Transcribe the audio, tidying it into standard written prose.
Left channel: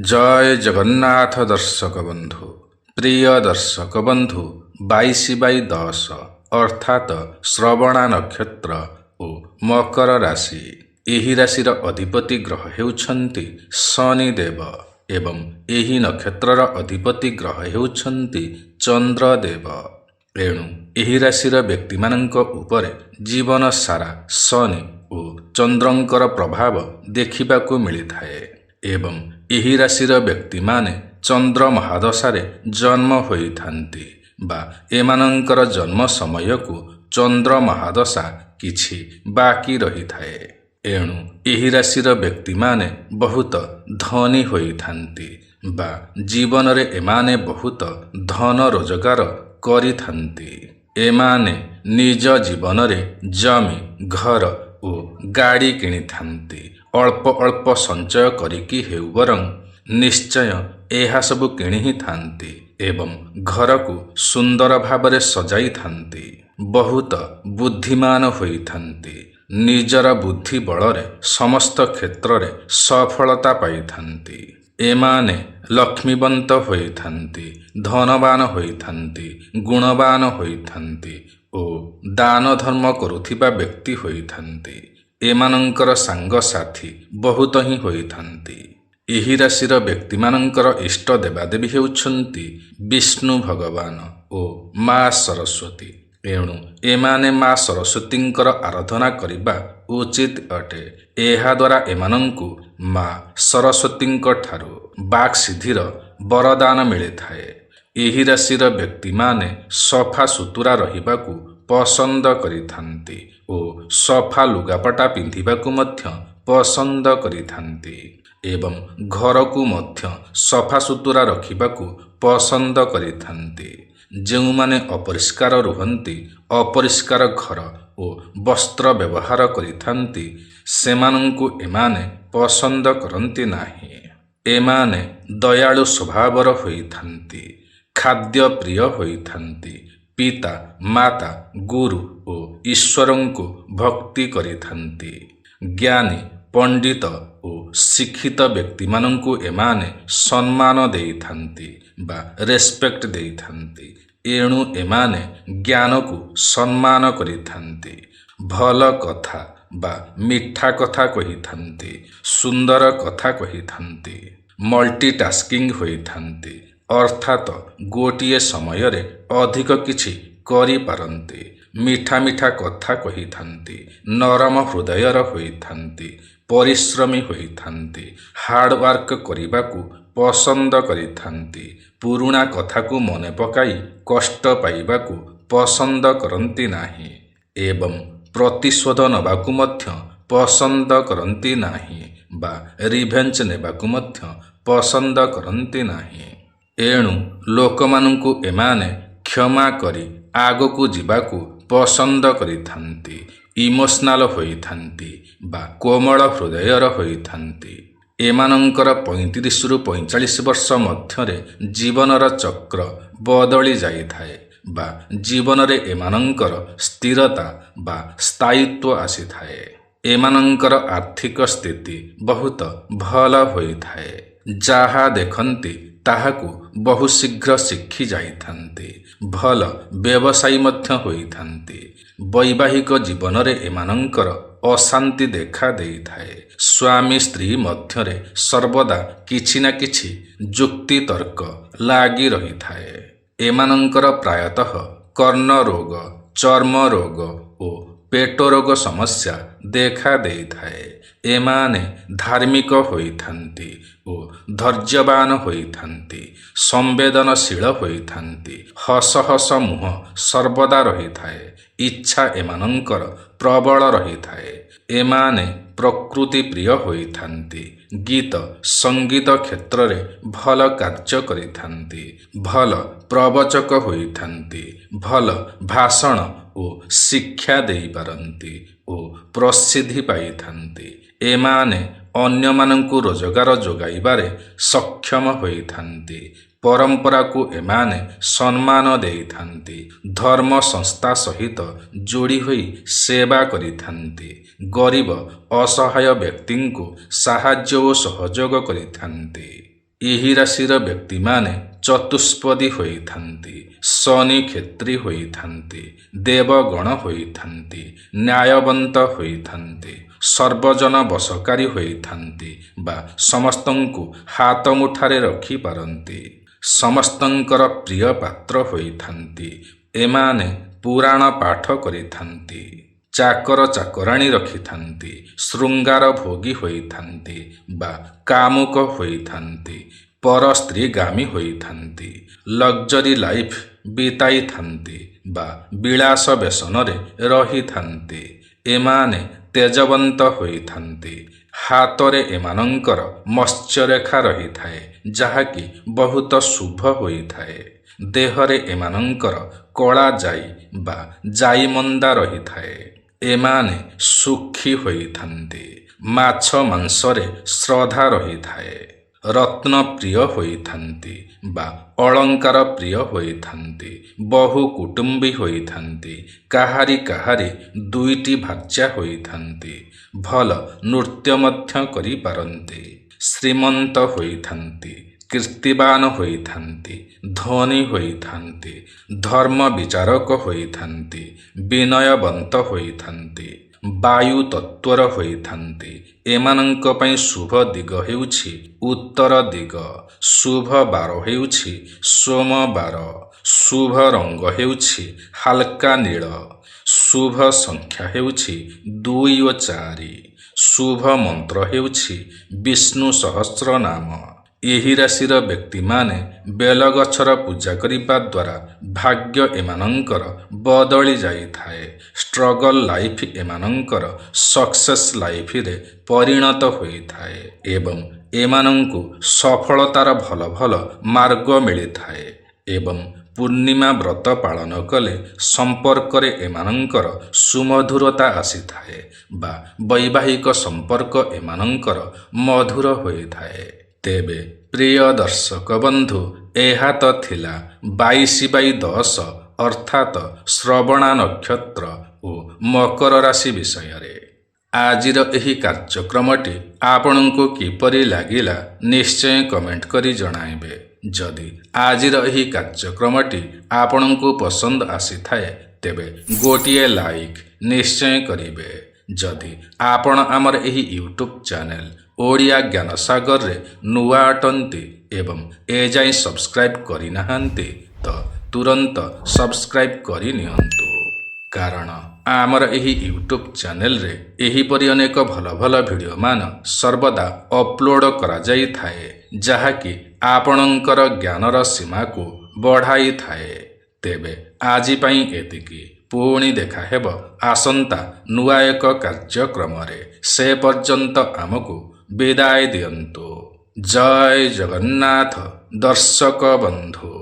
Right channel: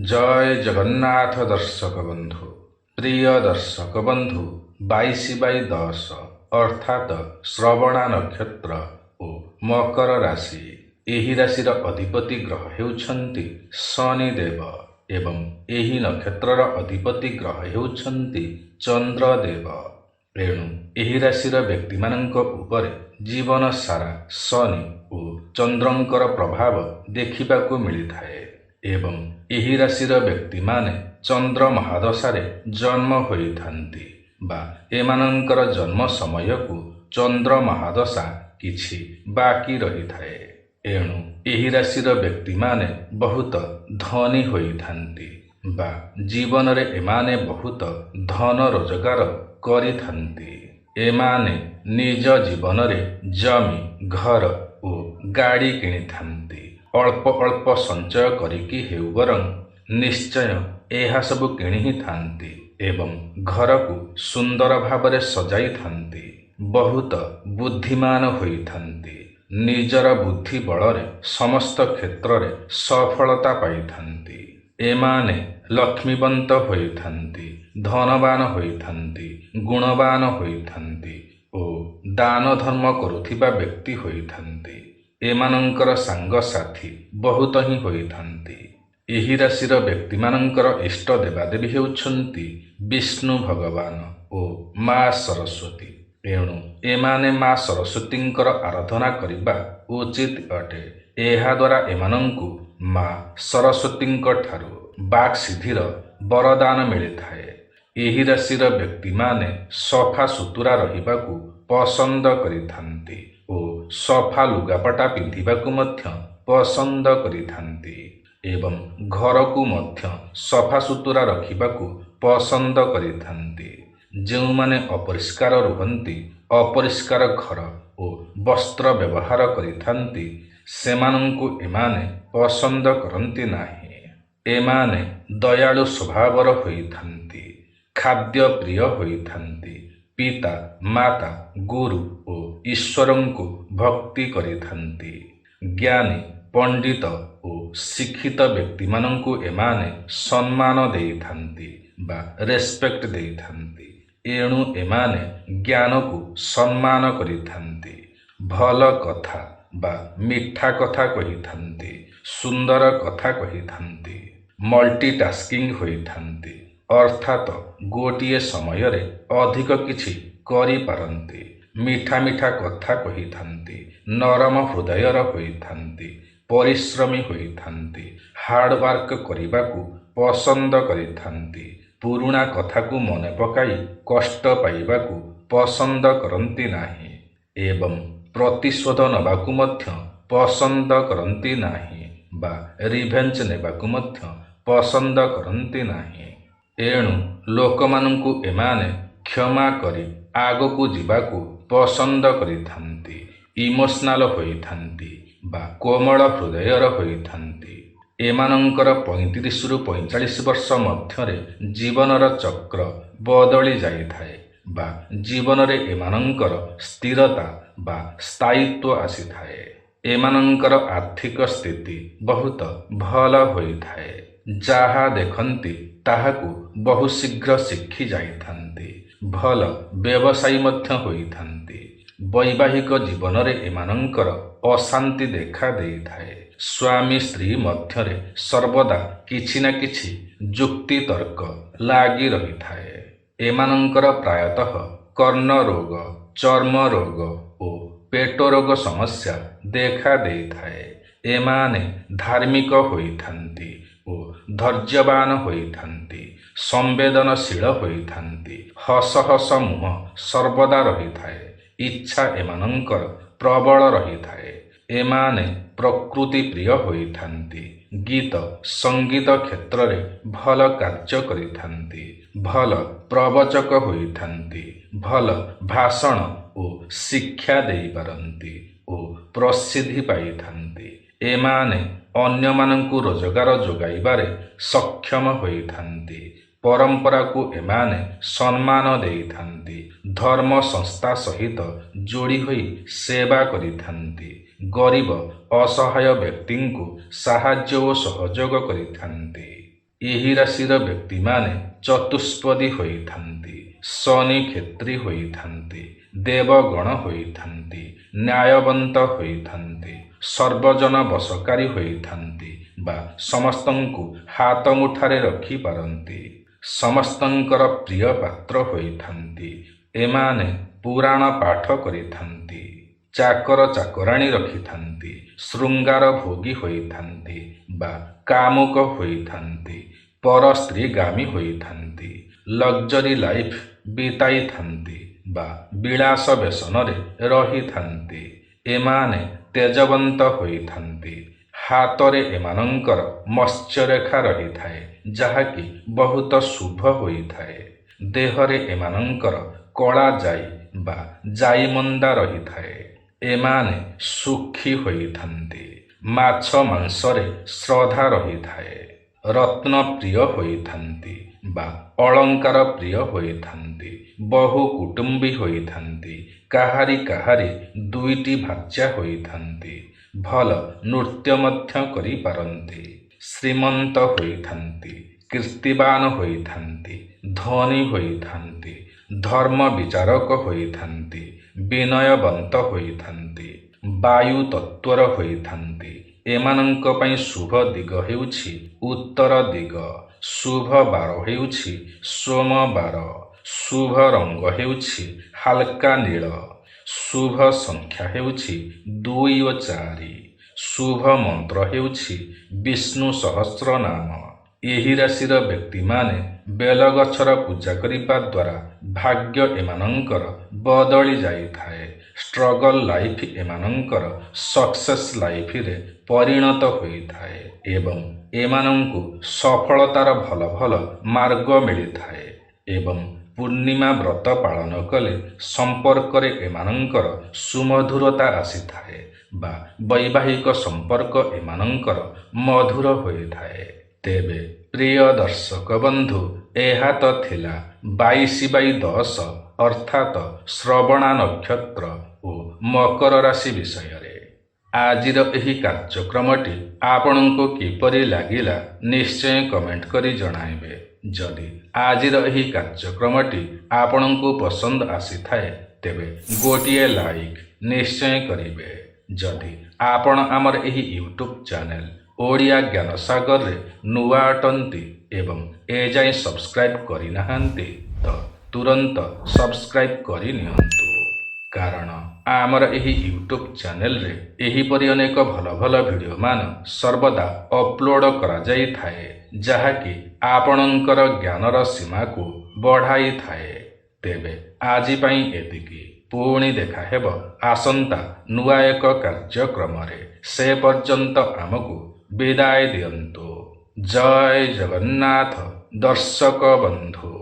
जय जगन्नाथ दर्शक बंधु। प्रिय दर्शक बंधु 22/10 अर्थात श्रवणा नक्षत्र ओ मकर राशि। ଏହି ରାଶିର ଅଧିପତି ଗ୍ରହ ହେଉଛନ୍ତି ଶନିଦେବ ଏବଂ ଏହି ନକ୍ଷତ୍ରର ଅଧିପତି ଗ୍ରହ ହେଉଛନ୍ତି ଚନ୍ଦ୍ରଦେବ। ଏଣୁ ଏହି ରାଶିର ବ୍ୟକ୍ତିମାନଙ୍କ ଉପରେ ଜୀବନ ସାରା ଶନି ଓ ଚନ୍ଦ୍ରଙ୍କର ପ୍ରଭାବ ଦେଖିବାକୁ ମିଳିଥାଏ ଏବଂ ଏହି ରାଶିର ବ୍ୟକ୍ତିମାନେ ଚନ୍ଦ୍ର ମହାଦଶାରେ ଜନ୍ମ ହୋଇଥାନ୍ତି ବା ଏମାନଙ୍କର ଜନ୍ମ ସମୟକୁ ଚନ୍ଦ୍ର ମହାଦଶା କିଛି ବାକି ରହିଥାଏ। ଏଣୁ ଏହି ରାଶିର ବ୍ୟକ୍ତିମାନେ ବହୁତ ଧନୀ ହୋଇଥାନ୍ତି ବା ଜୀବନରେ ଏମାନେ ବହୁତ ଧନ ରୋଜଗାର କରିଥାନ୍ତି। ଏମାନେ ନିଜ ଜୀବନରେ ଜମି, ଘର ଓ ଗାଡ଼ି କିଣିଥାନ୍ତି। ଅଳ୍ପ ଅଳ୍ପ ସଞ୍ଚୟ କରିକି ହେଉ ବରଂ ନିଶ୍ଚୟ ଏହା ସବୁ କିଣି ହିଁ ଥାନ୍ତି ଏବଂ ଘରକୁ ସୁନ୍ଦର ଭାବରେ ସଜାଇଥାନ୍ତି। ବହୁତ ବୁଦ୍ଧିମାନ ହୋଇଥାନ୍ତି। ନିଜର ବୁଦ୍ଧି ବଳରେ ସମସ୍ତ କ୍ଷେତ୍ରରେ ସଫଳତା ପାଇଥାନ୍ତି। ଏମାନେ ଲକ୍ଷ୍ମୀବନ୍ତ ହୋଇଥାନ୍ତି, ଧନବାନ ହୋଇଥାନ୍ତି, ଗୁଣବାନ ହୋଇଥାନ୍ତି ଓ ଦାନ ଧର୍ମ କରୁଥିବା ବ୍ୟକ୍ତି ହୋଇଥାନ୍ତି। ଏମାନଙ୍କର ସାଙ୍ଗସାଥୀ ବହୁତ ହିଁ ହୋଇଥାନ୍ତି। ଏହି ରାଶିର ବ୍ୟକ୍ତିମାନଙ୍କର ଇଷ୍ଟ ଦେବାଦେବୀ ହେଉଛନ୍ତି ବିଷ୍ଣୁ ଭଗବାନ ଓ ମା ସରସ୍ୱତୀ। ଏଣୁ ଏମାନେ ମା ସରସ୍ୱତୀଙ୍କର ଆରାଧନା କରିବା ଉଚିତ ଅଟେ। ଏହାଦ୍ୱାରା ଏମାନଙ୍କୁ ମା ସରସ୍ୱତୀଙ୍କ ଠାରୁ ବାକ୍ସିଦ୍ଧିର ବରଦାନ ମିଳିଥାଏ। ଏହି ରାଶିର ବ୍ୟକ୍ତିମାନେ ସଫା ସୁତୁରା ରହିବାକୁ ପସନ୍ଦ କରିଥାନ୍ତି ଓ ସଫା ଲୁଗାପଟା ପିନ୍ଧିବାକୁ ମଧ୍ୟ ପସନ୍ଦ କରିଥାନ୍ତି ଏବଂ ଘରକୁ ମଧ୍ୟ ସଫା ସୁତୁରା ରଖିବାକୁ ପସନ୍ଦ କରିଥାନ୍ତି। ଯେଉଁମାନେ ଅପରିଷ୍କାର ରୁହନ୍ତି, ଅପରିଷ୍କାର ଘର ଓ ବସ୍ତ୍ର ବ୍ୟବହାର କରିଥାନ୍ତି, ସେମାନଙ୍କୁ ଏମାନେ ପସନ୍ଦ କରନ୍ତି ନାହିଁ। ଏମାନେ ଦୟାଳୁ ସ୍ୱଭାବର ହୋଇଥାନ୍ତି, ଖାଦ୍ୟପ୍ରିୟ ହୋଇଥାନ୍ତି, ପିତା, ମାତା, ଗୁରୁ ଓ ଈଶ୍ୱରଙ୍କୁ ଭକ୍ତି କରିଥାନ୍ତି। ଜ୍ଞାନୀ, ପଣ୍ଡିତ ଓ ଶିକ୍ଷିତ ବ୍ୟକ୍ତିମାନଙ୍କୁ ଏମାନେ ସମ୍ମାନ ଦେଇଥାନ୍ତି ବା ରେସ୍ପେକ୍ଟ ଦେଇଥାନ୍ତି। ଏଣୁ ଏମାନେ ଜ୍ଞାନକୁ ସମ୍ମାନ କରିଥାନ୍ତି। ଭଲ କଥା ବା ମିଠା କଥା କହିଥାନ୍ତି, ସୁନ୍ଦର କଥା କହିଥାନ୍ତି, ମଲ୍ଟିଟାସ୍କିଂ ହୋଇଥାନ୍ତି ଅର୍ଥାତ ଗୋଟିଏ ସମୟରେ ଅଧିକ କିଛି କରିପାରନ୍ତି। ମିଠା ମିଠା କଥା କହିଥାନ୍ତି, ନରମ ହୃଦୟର ହୋଇଥାନ୍ତି, ପରିଶ୍ରମୀ ହୋଇଥାନ୍ତି, ହାର୍ଡୱାର୍କ କରିବାକୁ ପସନ୍ଦ କରିଥାନ୍ତି, ପୁରୁଣା କଥାକୁ ମନେ ପକାଇ କଷ୍ଟ ପାଇବାକୁ ପସନ୍ଦ କରନ୍ତି ନାହିଁ ଏବଂ ପ୍ରତିଶୋଧ ନେବାକୁ ମଧ୍ୟ ପସନ୍ଦ କରନ୍ତି ନାହିଁ ବା ରିଭେଞ୍ଜ ନେବାକୁ ମଧ୍ୟ ପସନ୍ଦ କରନ୍ତି ନାହିଁ। ଏଣୁ ଲୋକମାନଙ୍କୁ ଏମାନେ କ୍ଷମା କରି ଆଗକୁ ଯିବାକୁ ପସନ୍ଦ କରିଥାନ୍ତି। ଇମୋସନାଲ ହୋଇଥାନ୍ତି ବା କୋମଳ ହୃଦୟର ହୋଇଥାନ୍ତି। ଏମାନଙ୍କର 35ରୁ 45 ବର୍ଷ ମଧ୍ୟରେ ଜୀବନର ଚକ୍ର ବଦଳି ଯାଇଥାଏ ବା ଜୀବନରେ ଏମାନଙ୍କର ସ୍ଥିରତା ବା ସ୍ଥାୟିତ୍ୱ ଆସିଥାଏ। ଏମାନଙ୍କର ଆର୍ଥିକ ସ୍ଥିତି ବହୁତ ଭଲ ହୋଇଥାଏ। ଯାହା ଦେଖନ୍ତି ତାହାକୁ ବହୁ ଶୀଘ୍ର ଶିଖି ଯାଇଥାନ୍ତି। ଭଲ ବ୍ୟବସାୟୀ ମଧ୍ୟ ହୋଇଥାନ୍ତି। ବୈବାହିକ ଜୀବନରେ ଏମାନଙ୍କର ଅଶାନ୍ତି ଦେଖା ଦେଇଥାଏ। ସ୍ୱାମୀ ସ୍ତ୍ରୀ ମଧ୍ୟରେ ସର୍ବଦା କିଛି ନା କିଛି ଯୁକ୍ତି ତର୍କ ଲାଗି ରହିଥାଏ। ଏମାନଙ୍କର ପ୍ରାୟତଃ କର୍ଣ୍ଣ ରୋଗ, ଚର୍ମ ରୋଗ ଓ ପେଟ ରୋଗ ସମସ୍ୟା ଦେଖା ଦେଇଥାଏ। ଏମାନେ ଧାର୍ମିକ ହୋଇଥାନ୍ତି ଓ ଧୈର୍ଯ୍ୟବାନ ହୋଇଥାନ୍ତି, ସମ୍ବେଦନଶୀଳ ହୋଇଥାନ୍ତି, ହସ ହସ ମୁହଁ ସର୍ବଦା ରହିଥାଏ, ଇଚ୍ଛା ଏମାନଙ୍କର ପ୍ରବଳ ରହିଥାଏ। ଏମାନେ ପ୍ରକୃତି ପ୍ରିୟ ହୋଇଥାନ୍ତି, ଗୀତ ସଙ୍ଗୀତ କ୍ଷେତ୍ରରେ ଭଲ କାର୍ଯ୍ୟ କରିଥାନ୍ତି, ଭଲ ପ୍ରବଚକ ହୋଇଥାନ୍ତି, ଭଲ ଭାଷଣ ଓ ଶିକ୍ଷା ଦେଇପାରନ୍ତି ଓ ପ୍ରସିଦ୍ଧି ପାଇଥାନ୍ତି। ଏମାନେ ଅନ୍ୟମାନଙ୍କୁ ରୋଜଗାର ଯୋଗାଇବାରେ ସକ୍ଷମ ହୋଇଥାନ୍ତି। ପରମ୍ପରାକୁ ଏମାନେ ସମ୍ମାନ ଦେଇଥାନ୍ତି। ଧର୍ମ ସଂସ୍ଥା ସହିତ ଯୋଡ଼ି ହୋଇ ସେବା କରିଥାନ୍ତି। ଗରିବ ଅସହାୟ ବ୍ୟକ୍ତିଙ୍କୁ ସାହାଯ୍ୟ ଓ ସହଯୋଗ କରିଥାନ୍ତି। ଏହି ରାଶିର ବ୍ୟକ୍ତିମାନେ ଚତୁଷ୍ପଦୀ ହୋଇଥାନ୍ତି, ଶନି କ୍ଷେତ୍ରୀ ହୋଇଥାନ୍ତି, ଦେବଗଣ ହୋଇଥାନ୍ତି, ନ୍ୟାୟବନ୍ତ ହୋଇଥାନ୍ତି, ସର୍ବଜନ ବଶକାରୀ ହୋଇଥାନ୍ତି ବା ସମସ୍ତଙ୍କୁ ହାତ ମୁଠାରେ ରଖିପାରନ୍ତି। ସମସ୍ତଙ୍କର ପ୍ରିୟ ପାତ୍ର ହୋଇଥାନ୍ତି। ଏମାନେ ପୁରାଣ ପାଠ କରିଥାନ୍ତି, ଚାକର ଚାକରାଣୀ ରଖିଥାନ୍ତି, ଶୃଙ୍ଗାର ଭୋଗୀ ହୋଇଥାନ୍ତି ବା କାମୁକ ହୋଇଥାନ୍ତି, ପର ସ୍ତ୍ରୀଗାମୀ ହୋଇଥାନ୍ତି, ଲକ୍ଜରୀ ଲାଇଫ୍ ବିତାଇଥାନ୍ତି ବା ବିଳାସ ବ୍ୟସନରେ ରହିଥାନ୍ତି। ଏମାନେ ତେଜବନ୍ତ ହୋଇଥାନ୍ତି। ହାତରେ ଏମାନଙ୍କର ମତ୍ସ୍ୟରେଖା ରହିଥାଏ, ଯାହାକି ବହୁତ ଶୁଭ ହୋଇଥାଏ। ଦେହରେ ଏମାନଙ୍କର କଳା ଯାଇ ବା ଯାଇମନ୍ଦା ରହିଥାଏ। ଏମାନେ ସୁଖୀ ହୋଇଥାନ୍ତି। ମାଛ ମାଂସରେ ଶ୍ରଦ୍ଧା ରହିଥାଏ। ରତ୍ନ ପ୍ରିୟ ହୋଇଥାନ୍ତି ବା ଅଳଙ୍କାର ପ୍ରିୟ ହୋଇଥାନ୍ତି। ବହୁ କୁଟୁମ୍ବୀ ହୋଇଥାନ୍ତି। କାହାରି କାହାରି ଦୁଇଟି ଭାର୍ଯ୍ୟା ହୋଇଥାନ୍ତି। ଭଲ ନୃତ୍ୟ ମଧ୍ୟ କରିପାରନ୍ତି। ଶ୍ରୀମନ୍ତ ହୋଇଥାନ୍ତି, କୀର୍ତ୍ତିବାନ ହୋଇଥାନ୍ତି, ଧନୀ ହୋଇଥାନ୍ତି, ଧର୍ମ ବିଚାରକ ହୋଇଥାନ୍ତି, ବିନୟବନ୍ତ ହୋଇଥାନ୍ତି, ବାୟୁ ତତ୍ଵର ହୋଇଥାନ୍ତି। ଏମାନଙ୍କ ପାଇଁ ଶୁଭ ଦିଗ ହେଉଛି ଉତ୍ତର ଦିଗ। ଶୁଭ ବାର ହେଉଛି ସୋମବାର। ଶୁଭ ରଙ୍ଗ ହେଉଛି ହାଲକା ନୀଳ। ଶୁଭ ସଂଖ୍ୟା ହେଉଛି 2 ଓ 4। ଶୁଭ ମନ୍ତ୍ର ହେଉଛି ବିଷ୍ଣୁ ସହସ୍ର ନାମ। ଏହି ରାଶିର ବ୍ୟକ୍ତିମାନେ ବେଲଗଛର ପୂଜା କରିବା ଦ୍ୱାରା ଭାଗ୍ୟ ଏମାନଙ୍କର ବଦଳି ଯାଇଥାଏ। ଷ୍ଟ୍ରଗଲ ଲାଇଫ୍ ଏମାନଙ୍କର ସକ୍ସେସ୍ ଲାଇଫରେ ପରିଣତ ହୋଇଥାଏ ଏବଂ ଏମାନଙ୍କୁ ସଫଳତାର ଭଲ ଭଲ ମାର୍ଗ ମିଳିଥାଏ ଏବଂ ପୂର୍ଣ୍ଣିମା ବ୍ରତ ପାଳନ କଲେ ସମ୍ପର୍କରେ ଏମାନଙ୍କର ସୁମଧୁରତା ଆସିଥାଏ ବା ବୈବାହିକ ସମ୍ପର୍କ ଏମାନଙ୍କର ମଧୁର ହୋଇଥାଏ। ତେବେ ପ୍ରିୟ ଦର୍ଶକ ବନ୍ଧୁ, ଏହା ତ ଥିଲା 22/10 ଅର୍ଥାତ ଶ୍ରବଣା ନକ୍ଷତ୍ର ଓ ମକର ରାଶି ବିଷୟରେ। ଆଜିର ଏହି କାର୍ଯ୍ୟକ୍ରମଟି ଆପଣଙ୍କୁ କିପରି ଲାଗିଲା ନିଶ୍ଚୟ କମେଣ୍ଟ କରି ଜଣାଇବେ। ଯଦି ଆଜିର ଏହି କାର୍ଯ୍ୟକ୍ରମଟି ଆପଣଙ୍କୁ ପସନ୍ଦ ଆସିଥାଏ ତେବେ ଗୋଟିଏ ଲାଇକ୍ ନିଶ୍ଚୟ କରିବେ। ଯଦି ଆପଣ ଆମର ଏହି ୟୁଟ୍ୟୁବ୍ ଚ୍ୟାନେଲ ଓଡ଼ିଆ ଜ୍ଞାନସାଗରରେ ନୂଆ ଅଟନ୍ତି ଏବଂ ଏଯାଏଁ ସବସ୍କ୍ରାଇବ୍ କରିନାହାନ୍ତି ତ ତୁରନ୍ତ ସବସ୍କ୍ରାଇବ୍ କରିନିଅନ୍ତୁ, କାରଣ ଆମର ଏହି ୟୁଟ୍ୟୁବ୍ ଚ୍ୟାନେଲରେ ଏହିପରି ଅନେକ ଭଲ ଭଲ ଭିଡ଼ିଓମାନ ସର୍ବଦା ଅପଲୋଡ଼ କରାଯାଇଥାଏ, ଯାହାକି ଆପଣଙ୍କର ଜ୍ଞାନର ସୀମାକୁ ବଢ଼ାଇଥାଏ। ତେବେ ଆଜି ପାଇଁ ଏତିକି। ପୁଣି ଦେଖା ହେବ ଆସନ୍ତା ନୂଆ ଏକ କାର୍ଯ୍ୟକ୍ରମରେ। ସେ ପର୍ଯ୍ୟନ୍ତ ଆମକୁ ବିଦାୟ ଦିଅନ୍ତୁ। ଜୟ ଜଗନ୍ନାଥ ଦର୍ଶକ ବନ୍ଧୁ।